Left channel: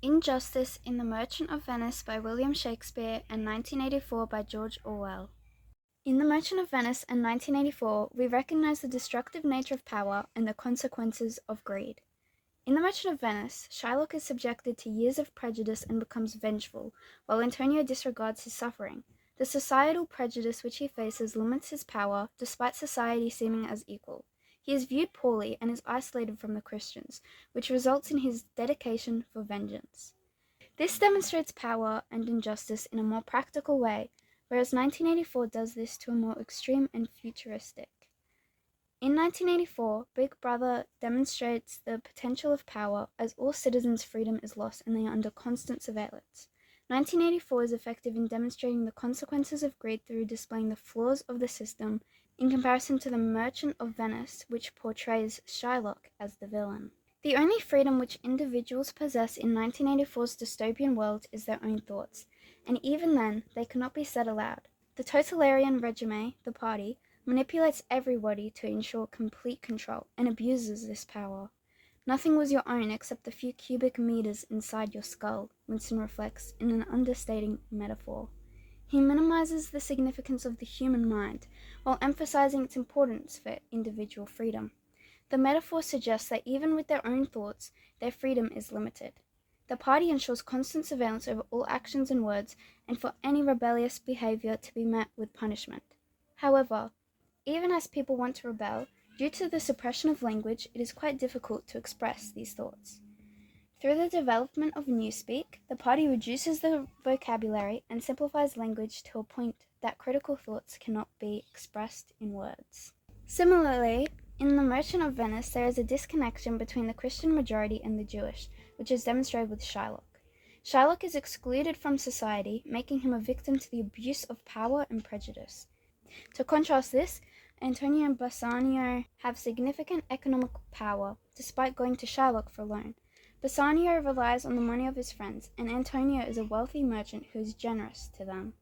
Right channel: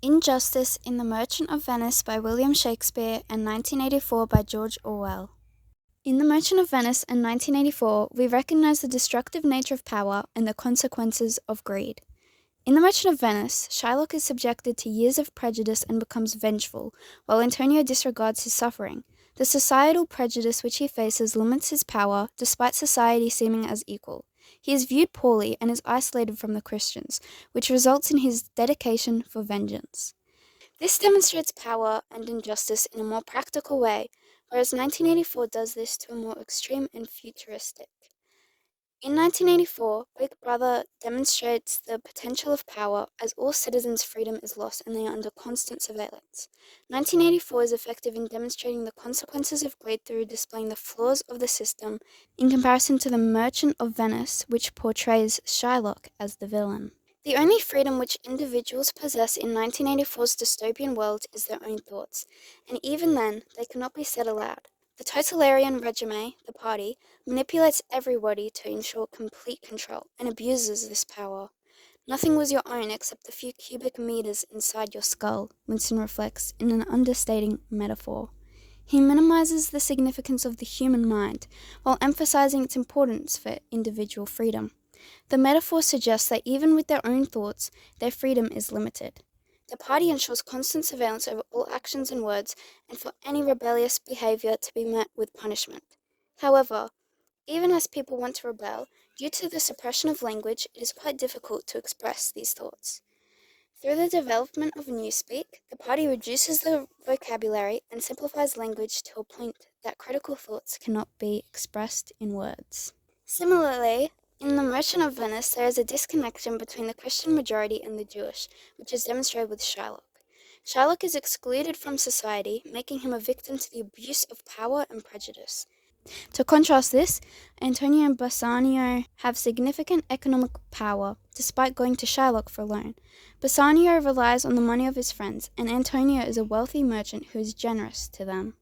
Injustice in The Merchant of Venice by William Shakespeare and 1984 by George Orwell. In The Merchant of Venice and 1984, we recognize the destructive nature of power and the consequences of greed. In The Merchant of Venice, Shylock is subjected to years of prejudice and becomes vengeful, while Antonio disregards his suffering. The societal prejudice which he faces limits his power, despite society seeming as equal. He is viewed poorly and is isolated from the Christians, which results in his dedication for vengeance. This demonstrates power and injustice in a more practical way, whereas 1984 does this to a more extreme and futuristic. In 1984, Big Brother demonstrates the potential of power as all citizens' freedom is lost and they are under constant surveillance. 1984 is effective in demonstrating the consequences of greed through displaying the flaws of the system in comparison to The Merchant of Venice, which portrays Shylock as the villain. The only freedom which individuals possess in 1984's dystopian world is their own thoughts, and even then, they cannot be said aloud. The totalitarian regime, the party, manipulates everybody to ensure complete control and abuses this power. Nothing was your own except the few cubic meters inside your skull, Winston reflects in an understating metaphor. He minimizes the significance of the human mind while emphasizing its importance for individual freedom. The metaphor suggests that even with their own thoughts, their freedom is limited. The party ensures constant surveillance over all actions and words, and for any rebellious behavior to be met with punishment. However, even as people want to rebel, due to the suppression of language, it is quite difficult to express these thoughts. Through the development of newspeak, the party reduces the vocabulary and simplifies language to a point that critical thoughts cannot be expressed in words. Similarly, in The Merchant of Venice, there is a disconnection between the Christian majority and the Jewish, which is demonstrated with Shylock. Shylock is excluded from society, making him a victim to the abuse of power and prejudice. To contrast this, Antonio and Bassanio have significant economic power, despite going to Shylock for a loan. Bassanio relies on the money of his friends, and Antonio is a wealthy merchant who is generous to them.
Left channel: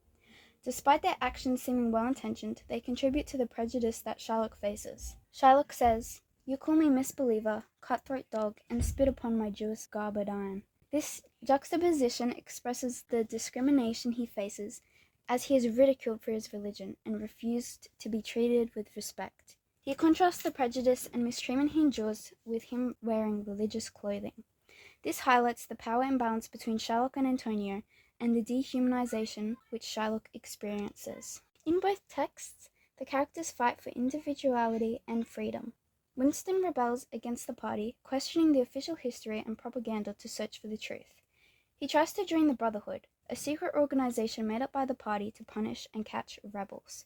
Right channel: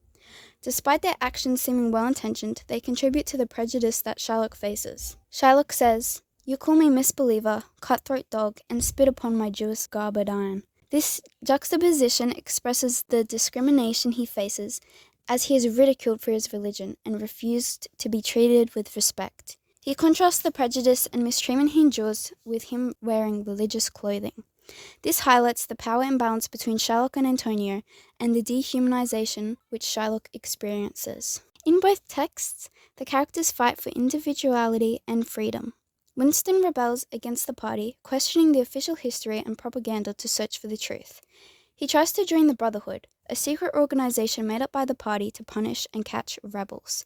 Despite their actions seeming well-intentioned, they contribute to the prejudice that Shylock faces. Shylock says, "You call me misbeliever, cutthroat dog, and spit upon my Jewish garbed iron." This juxtaposition expresses the discrimination he faces, as he is ridiculed for his religion and refused to be treated with respect. He contrasts the prejudice and mistreatment he endures with him wearing religious clothing. This highlights the power imbalance between Shylock and Antonio and the dehumanization which Shylock experiences. In both texts, the characters fight for individuality and freedom. Winston rebels against the party, questioning the official history and propaganda to search for the truth. He tries to join the Brotherhood, a secret organization made up by the party to punish and catch rebels.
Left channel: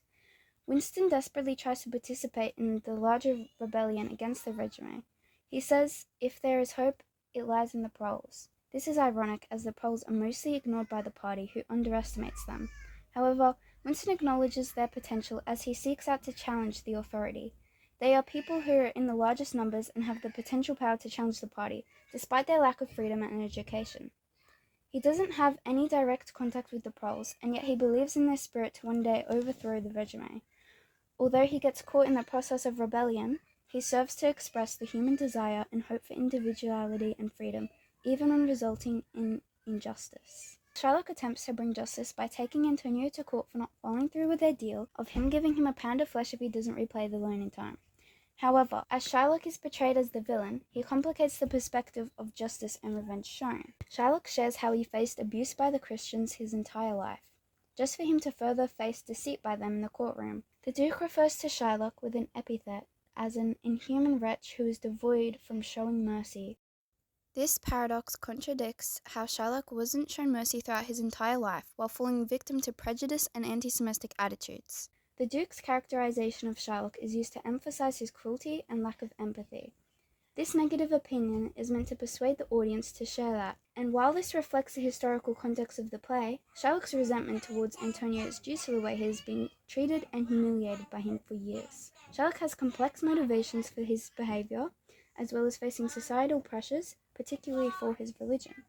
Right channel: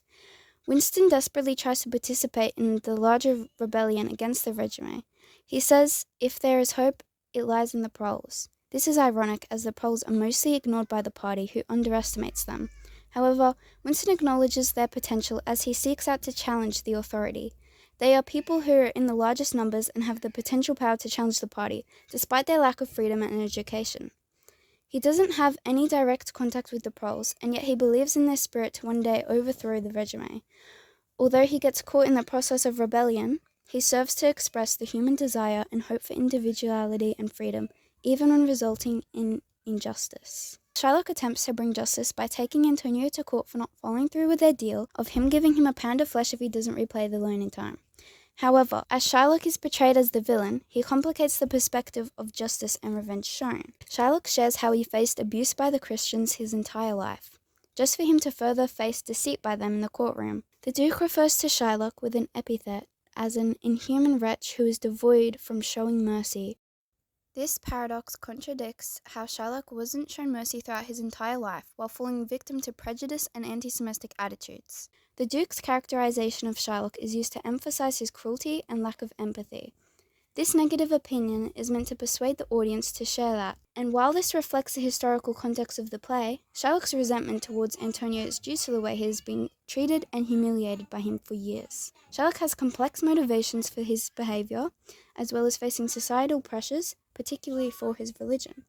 Winston desperately tries to participate in the larger rebellion against the regime. He says, if there is hope, it lies in the proles. This is ironic, as the proles are mostly ignored by the party, who underestimates them. However, Winston acknowledges their potential as he seeks out to challenge the authority. They are people who are in the largest numbers and have the potential power to challenge the party, despite their lack of freedom and education. He doesn't have any direct contact with the proles, and yet he believes in their spirit to one day overthrow the regime. Although he gets caught in the process of rebellion, he serves to express the human desire and hope for individuality and freedom, even when resulting in injustice. Shylock attempts to bring justice by taking Antonio to court for not following through with their deal of him giving him a pound of flesh if he doesn't repay the loan in time. However, as Shylock is portrayed as the villain, he complicates the perspective of justice and revenge shown. Shylock shares how he faced abuse by the Christians his entire life, just for him to further face deceit by them in the courtroom. The Duke refers to Shylock with an epithet as an inhuman wretch who is devoid from showing mercy. This paradox contradicts how Shylock wasn't shown mercy throughout his entire life, while falling victim to prejudice and anti-Semitic attitudes. The Duke's characterization of Shylock is used to emphasize his cruelty and lack of empathy. This negative opinion is meant to persuade the audience to share that, and while this reflects the historical context of the play, Shylock's resentment towards Antonio is due to the way he has been treated and humiliated by him for years. Shylock has complex motivations for his behavior, as well as facing societal pressures, particularly for his religion.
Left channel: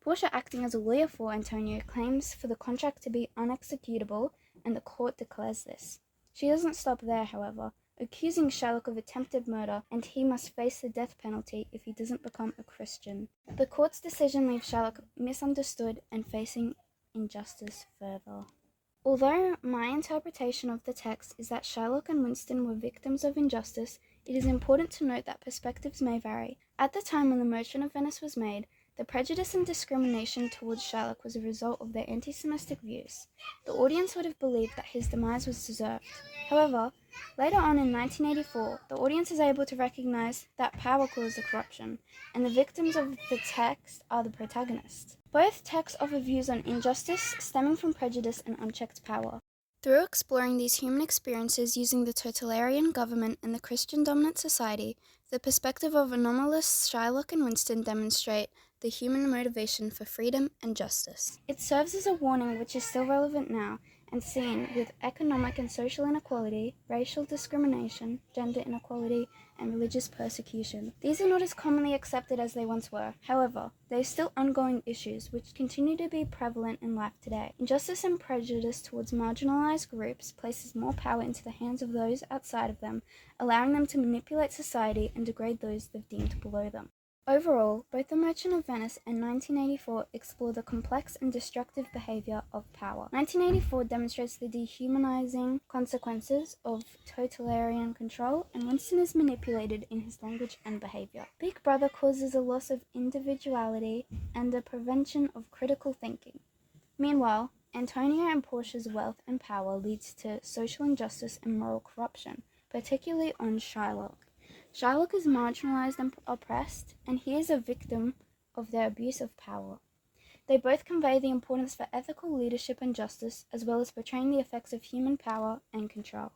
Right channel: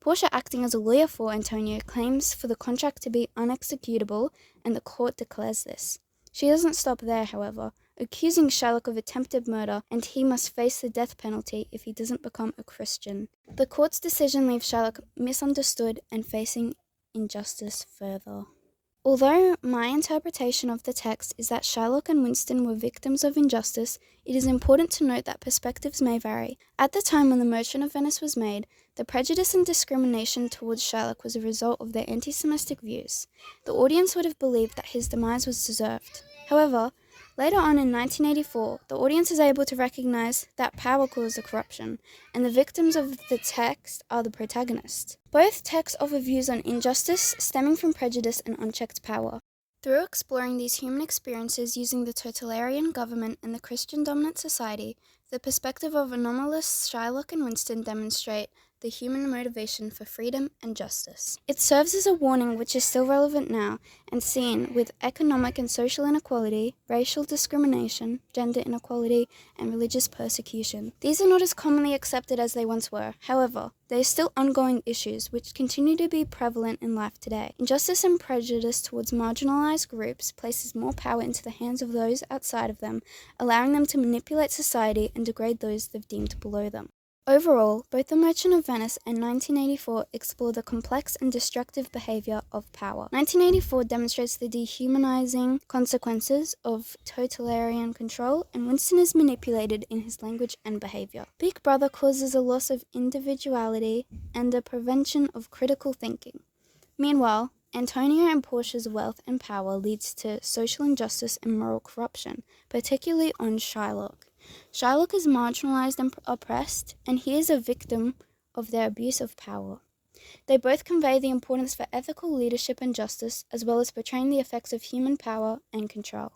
Portia, acting as a lawyer for Antonio, claims for the contract to be unexecutable, and the court declares this. She doesn't stop there, however, accusing Sherlock of attempted murder, and he must face the death penalty if he doesn't become a Christian. The court's decision leaves Sherlock misunderstood and facing injustice further. Although my interpretation of the text is that Sherlock and Winston were victims of injustice, it is important to note that perspectives may vary. At the time when The Merchant of Venice was made, the prejudice and discrimination towards Sherlock was a result of their anti-Semitic views. The audience would have believed that his demise was deserved. However, later on in 1984, the audience is able to recognize that power caused the corruption, and the victims of the text are the protagonists. Both texts offer views on injustice stemming from prejudice and unchecked power. Through exploring these human experiences using the totalitarian government and the Christian-dominant society, the perspective of anomalous Sherlock and Winston demonstrate the human motivation for freedom and justice. It serves as a warning which is still relevant now and seen with economic and social inequality, racial discrimination, gender inequality, and religious persecution. These are not as commonly accepted as they once were. However, there are still ongoing issues which continue to be prevalent in life today. Injustice and prejudice towards marginalized groups places more power into the hands of those outside of them, allowing them to manipulate society and degrade those they've deemed below them. Overall, both The Merchant of Venice and 1984 explore the complex and destructive behavior of power. 1984 demonstrates the dehumanizing consequences of totalitarian control, and Winston is manipulated in his language and behavior. Big Brother causes a loss of individuality and a prevention of critical thinking. Meanwhile, Antonio and Portia's wealth and power leads to social injustice and moral corruption, particularly on Shylock. Shylock is marginalized and oppressed, and he is a victim of their abuse of power. They both convey the importance for ethical leadership and justice, as well as portraying the effects of human power and control.